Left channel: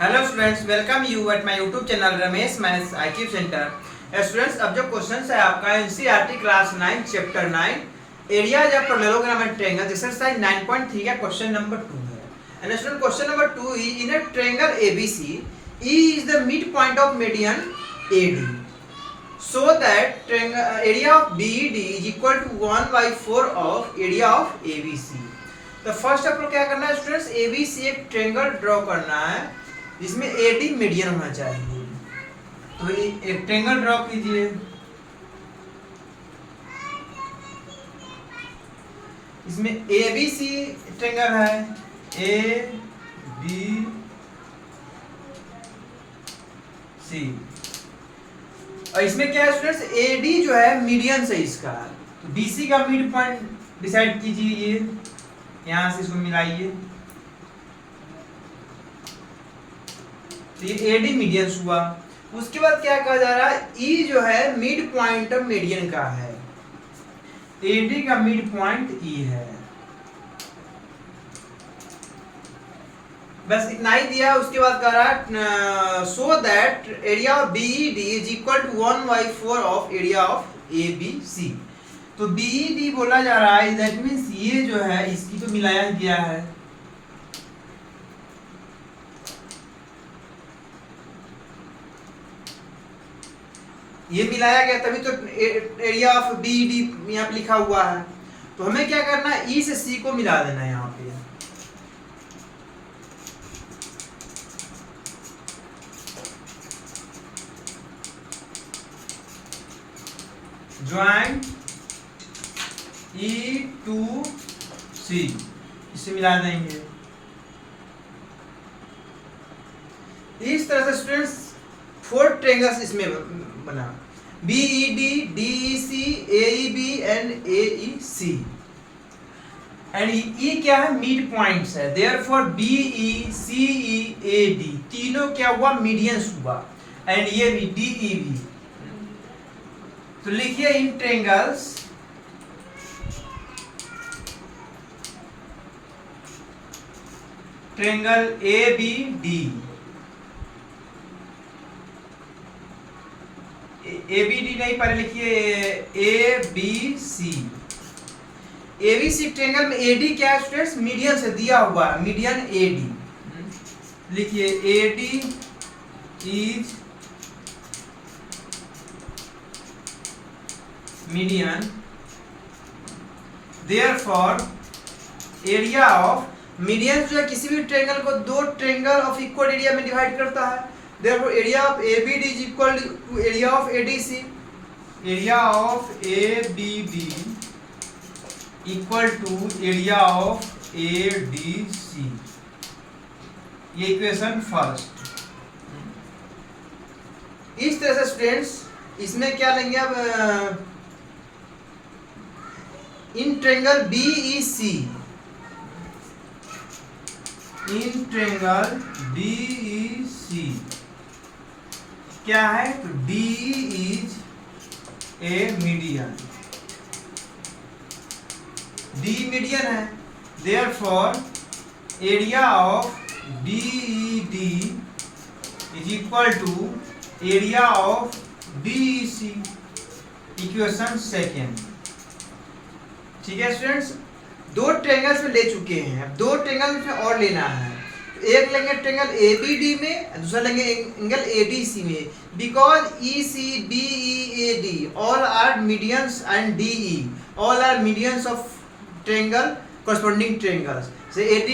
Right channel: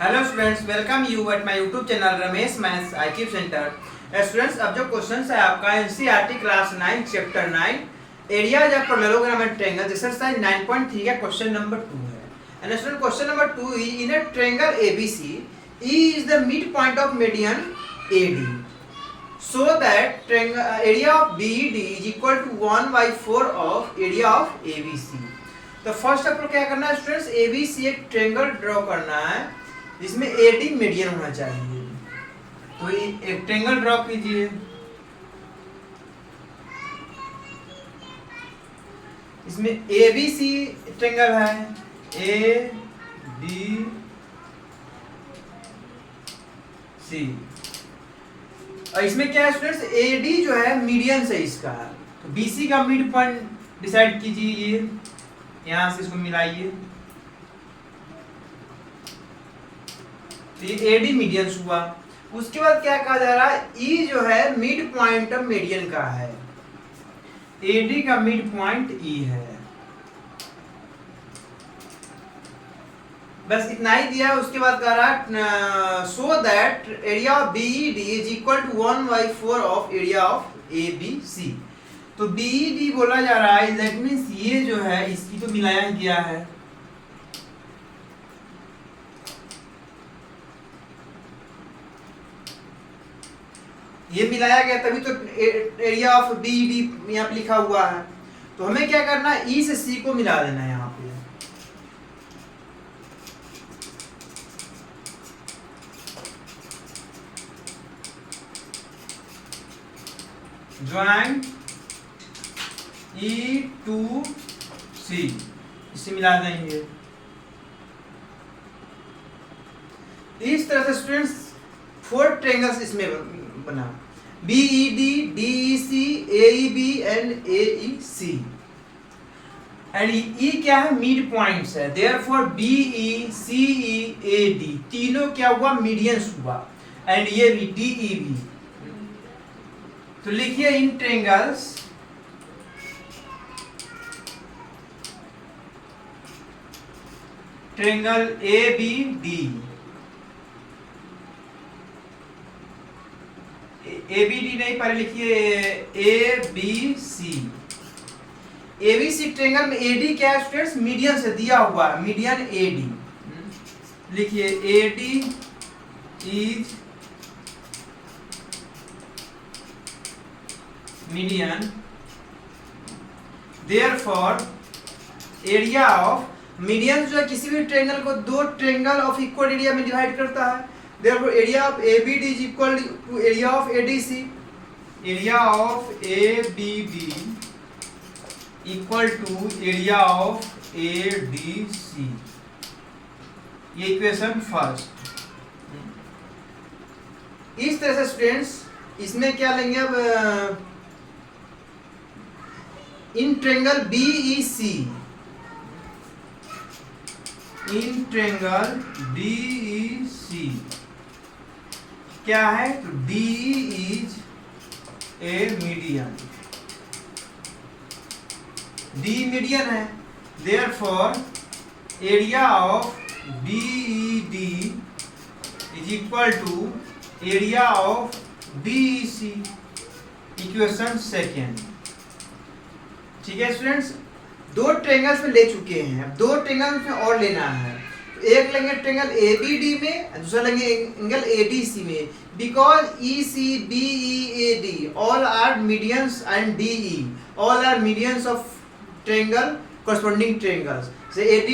Hello students, welcome you at my YouTube channel Ramesh maths IQ centre. Students, अब जो question है आपका NCERT class 9 chapter 9 areas of parallelogram and triangle exercise 9.3 का question number 2 है। And student, question number 2 in a triangle ABC E is the mid point of median AD so that area of BED is equal to 1/4 of area of ABC। तो first आपको क्या करना है students, ABC एक triangle draw करना है जिसमें AD median होना चाहिए। तो ये एक ट्रायंगल ड्रॉ कीजिए। इसमें ABC ट्रायंगल है, ABC और इसमें क्या है स्टूडेंट्स, AD जो है मीडियन से इसका, तो BC का मिड पॉइंट डिसाइड कीजिए। ये यहां से इसको मिलाइए, तो ये AD मीडियन हुआ। उसके बाद क्या कहा जा रहा है, E जो है मिड पॉइंट मीडियन का है, AD का मिड पॉइंट E है। बस इतना ही दिया। उसके बाद कह रहा है so that area of BED is equal to 1/4 of area of ABC। तो BED बोला जा रहा है, दैट मींस ये जो है इसकी तो मिलाया गया है, ये मिलाया गया तभी तो एरिया ऑफ BED यहाँ पे लिखा हुआ है। तो हमें क्या करना है, E से C को मिला देना है यहाँ पे। ज्वाइंट E to C, इसे मिला देंगे। इस तरह से स्टूडेंट्स 4 ट्रायंगल्स इसमें बना, BED, DEC, AEB and AEC। And E क्या है, मिड पॉइंट्स है, देयरफॉर BE, CE, AD तीनों क्या हुआ, मीडियंस हुआ। एंड ये भी DEB। तो लिखिए इन ट्रायंगल्स ट्रायंगल ABD, ABD नहीं, पहले लिखिए ABC। ABC ट्रायंगल में AD क्या है स्टूडेंट्स, मीडियन से दिया हुआ है, मीडियन AD लिखिए, AD is median, therefore area of median जो है किसी भी ट्रायंगल को 2 ट्रायंगल ऑफ इक्वल एरिया में डिवाइड करता है, therefore area of ABD is equal to area of ADC। Area of ABD equal to area of ADC, ये equation first. इस तरह से स्टूडेंट्स इसमें क्या लेंगे अब, in triangle BEC, in triangle BEC क्या है, तो DE is a median, D median है, therefore area of BED is equal to area of DEC, equation second. ठीक है स्टूडेंट्स, 2 ट्रायंगल्स में ले चुके हैं, अब 2 ट्रायंगल्स में और लेना है। एक लेंगे ट्रायंगल ABD में, दूसरा लेंगे एंगल ADC में, because EC, BE, AD all are medians and DE all are medians of triangle corresponding triangles. से AD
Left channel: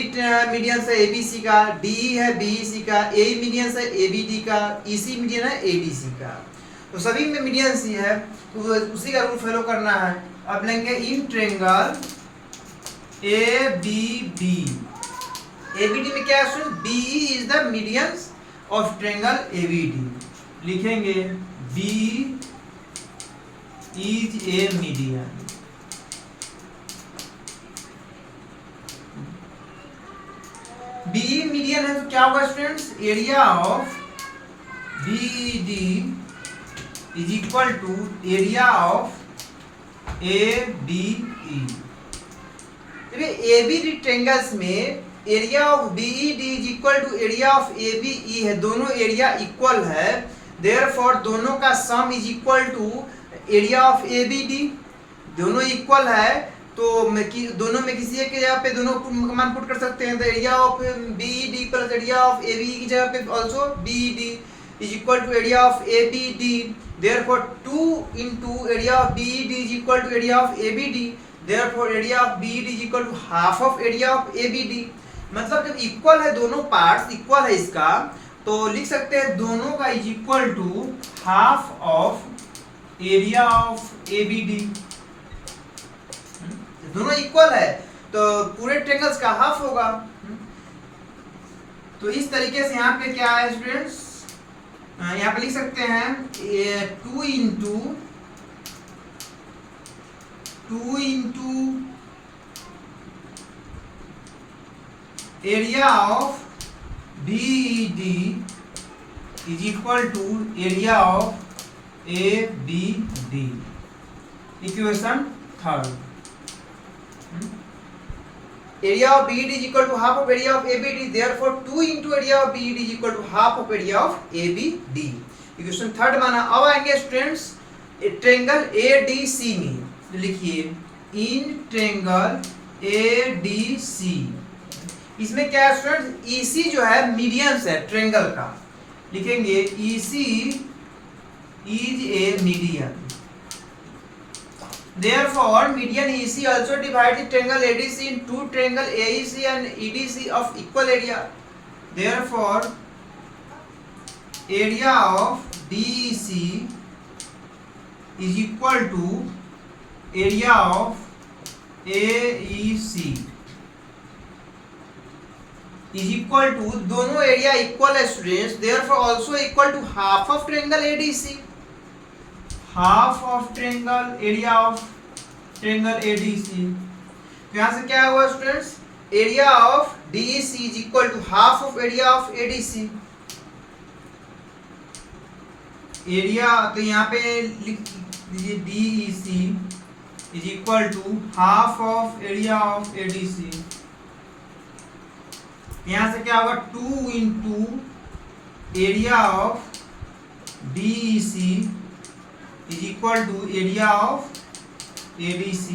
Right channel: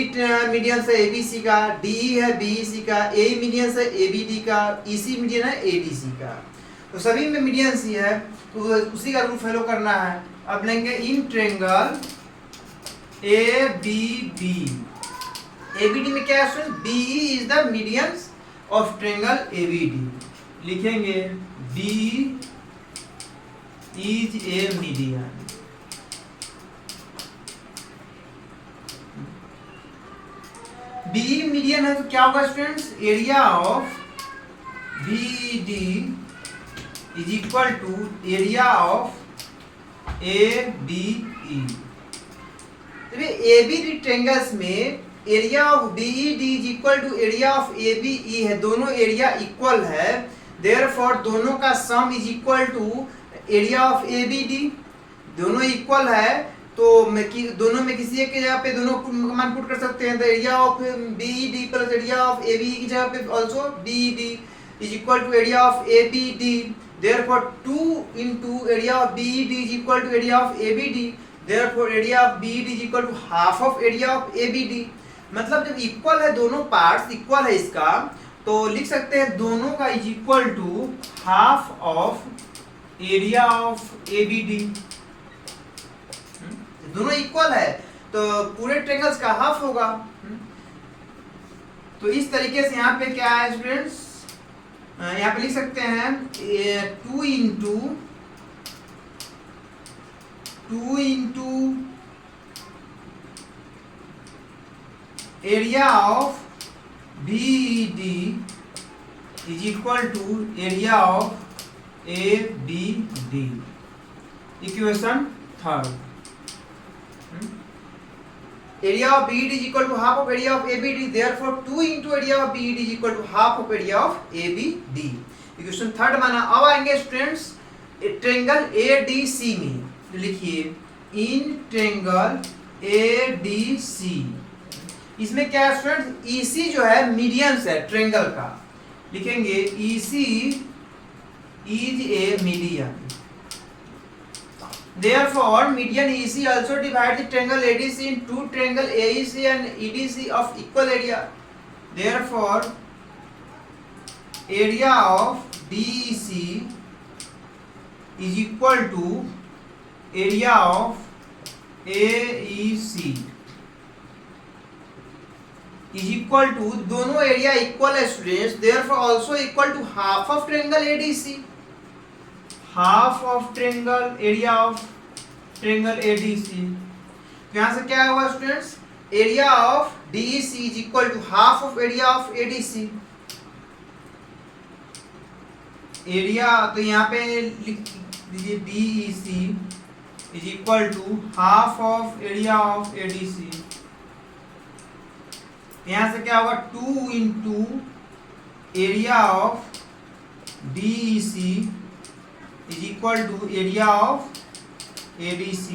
मीडियन है ABC का, DE है BEC का, AE मीडियन है ABD का, EC मीडियन है ADC का। तो सभी में मीडियंस ही है, तो उसी का रूल फॉलो करना है। अब लेंगे इन ट्रायंगल ABD, ABD में क्या है, BE is the medians of triangle ABD, लिखेंगे BE is a median. BE median है तो क्या होगा students, area of BED is equal to area of ABE। ABD triangles में area of BED is equal to area of ABE है, दोनों area equal है, therefore दोनों का sum is equal to area of ABD, दोनों equal है तो दोनों में किसी एक जगह पे दोनों मान पुट कर सकते हैं, तो area of BED plus area of ABE की जगह पे also BED is equal to area of ABD, therefore 2 into area of BED is equal to area of ABD, therefore area of BED is equal to half of area of ABD. मतलब जब equal है, दोनों parts equal है इसका, तो लिख सकते हैं दोनों का is equal to half of area of ABD. दोनों इक्वल है तो पूरे ट्रायंगल्स का हाफ होगा। तो इस तरीके से यहाँ पे क्या है स्टूडेंट्स, यहाँ पे लिख सकते हैं 2 into area of BED is equal to area of ABD। Equation third, area of BED is equal to half of area of ABD, therefore 2 into area of BED is equal to half of area of ABD। Equation third माना। अब आएंगे students triangle ADC में, तो लिखिए in triangle ADC, इसमें क्या है students, EC जो है मीडियन है ट्रायंगल का, लिखेंगे EC is a median, therefore median EC also divide the triangle ADC in two triangle AEC and EDC of equal area, therefore area of DEC is equal to area of AEC is equal to, दोनों area equal है students, therefore also equal to half of triangle ADC, half of triangle area of triangle ADC। यहां से क्या हुआ students, area of DEC is equal to half of area of ADC। Area तो यहाँ पे लिख दीजिए DEC is equal to half of area of ADC। यहां से क्या होगा 2 into area of DEC is equal to area of ADC।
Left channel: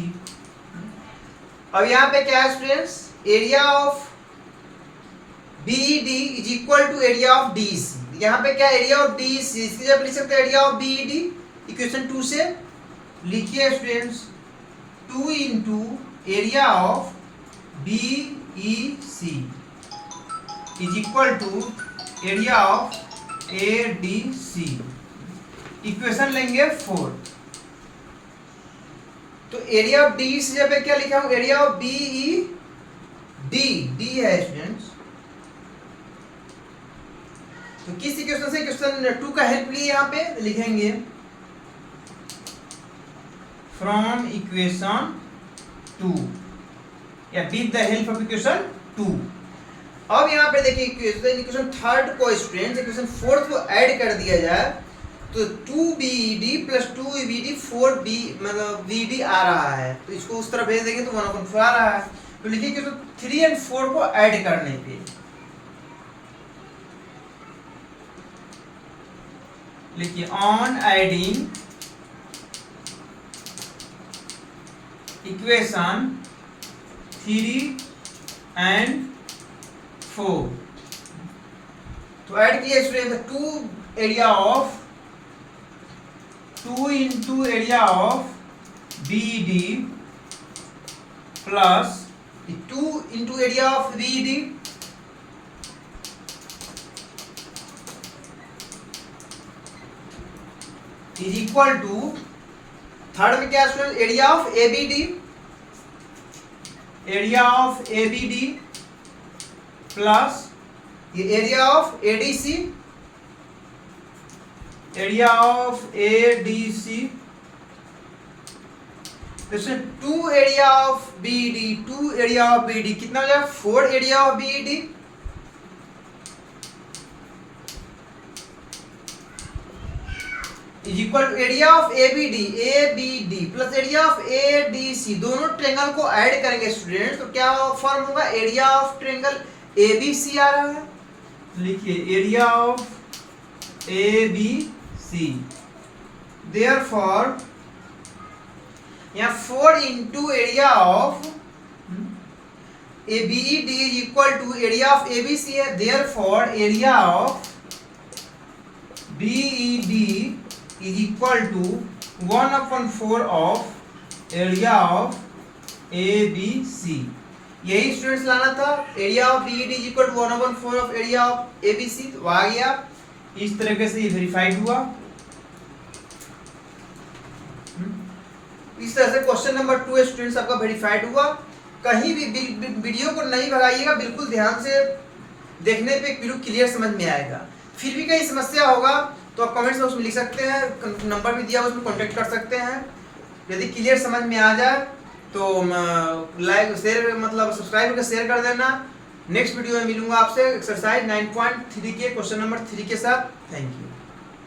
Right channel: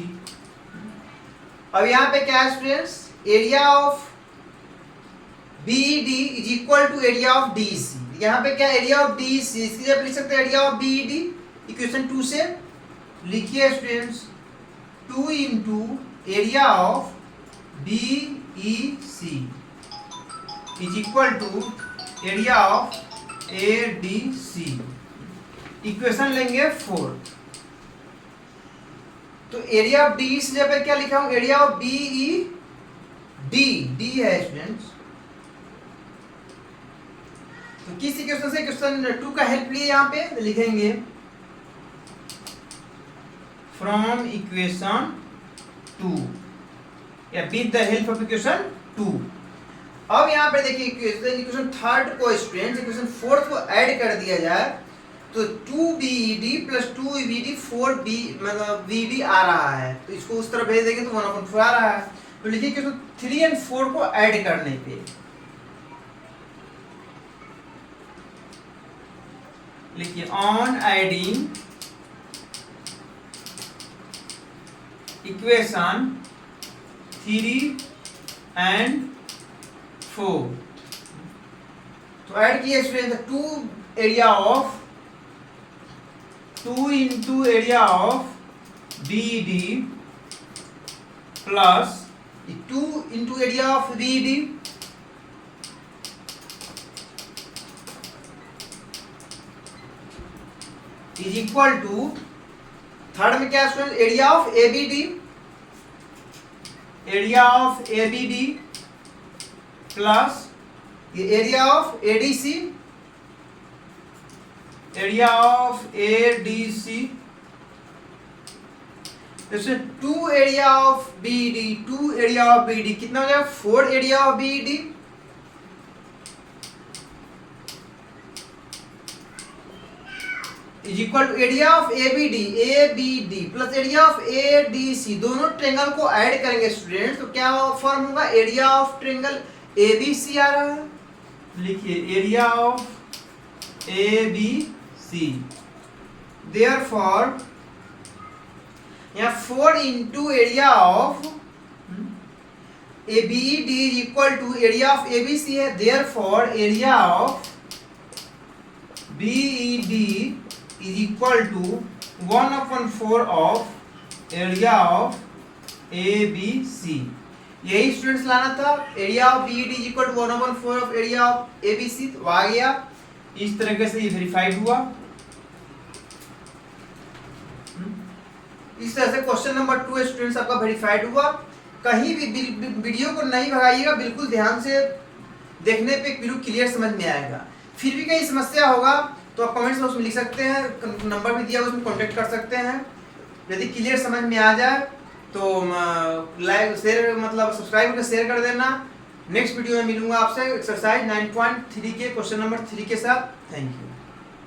अब यहाँ पे क्या है students, area of BED is equal to area of DEC। यहाँ पे क्या एरिया ऑफ DEC, इसकी जगह लिख सकते हैं एरिया ऑफ BED, इक्वेशन 2 से लिखिए students 2 into area of BEC is equal to area of ADC। Equation लेंगे फोर्थ, तो एरिया ऑफ डी से जब क्या लिखा हूं, एरिया ऑफ BED, डी है स्टूडेंट्स, तो किस इक्वेशन से, क्वेश्चन 2 का हेल्प लिए यहां पे लिखेंगे फ्रॉम इक्वेशन 2 या with the help of equation 2। अब यहां पे देखिए इक्वेशन थर्ड को स्टूडेंट्स इक्वेशन फोर्थ को ऐड कर दिया जाए तो 2BED प्लस 2EBD 4B मतलब BD आ रहा है, तो इसको उस तरह भेज देंगे तो 1/4 आ रहा है। तो लिखिए कि 3 और 4 को ऐड करने पे लिखिए ऑन एडिंग इक्वेशन 3 and 4, तो ऐड किया student 2 area of 2 into area of BED plus 2 into area of BED is equal to, third में क्या student area of ABD, area of ABD plus ये area of ADC, area of ADC, जैसे 2 area of BED, 2 area of BED कितना हो जाएगा 4 area of BED, is equal to area of ABD plus area of ADC, दोनों triangle को add करेंगे student, तो क्या फॉर्म होगा, एरिया ऑफ ट्रायंगल ABC आ रहा है। लिखिए एरिया ऑफ ABC, देयरफॉर यहाँ 4 into area of ABED is equal to area of ABC है, therefore area of BED is equal to 1/4 of area of ABC। यही स्टूडेंट्स लाना था, area of BED is equal to 1/4 of area of ABC, तो आ गया। इस तरीके से ये वेरीफाइड हुआ। इस तरह से क्वेश्चन नंबर 2 स्टूडेंट्स आपका वेरीफाइड हुआ। कहीं भी वीडियो को नहीं भगाइएगा, बिल्कुल ध्यान से देखने पे बिल्कुल क्लियर समझ में आएगा। फिर भी कहीं समस्या होगा तो आप कमेंट्स में उसमें लिख सकते हैं, नंबर भी दिया है उसमें कांटेक्ट कर सकते हैं। यदि क्लियर समझ में आ जाए तो लाइक शेयर मतलब सब्सक्राइब कर शेयर कर देना। नेक्स्ट वीडियो में मिलूंगा आपसे एक्सरसाइज 9.3 के क्वेश्चन नंबर 3 के साथ। Thank you.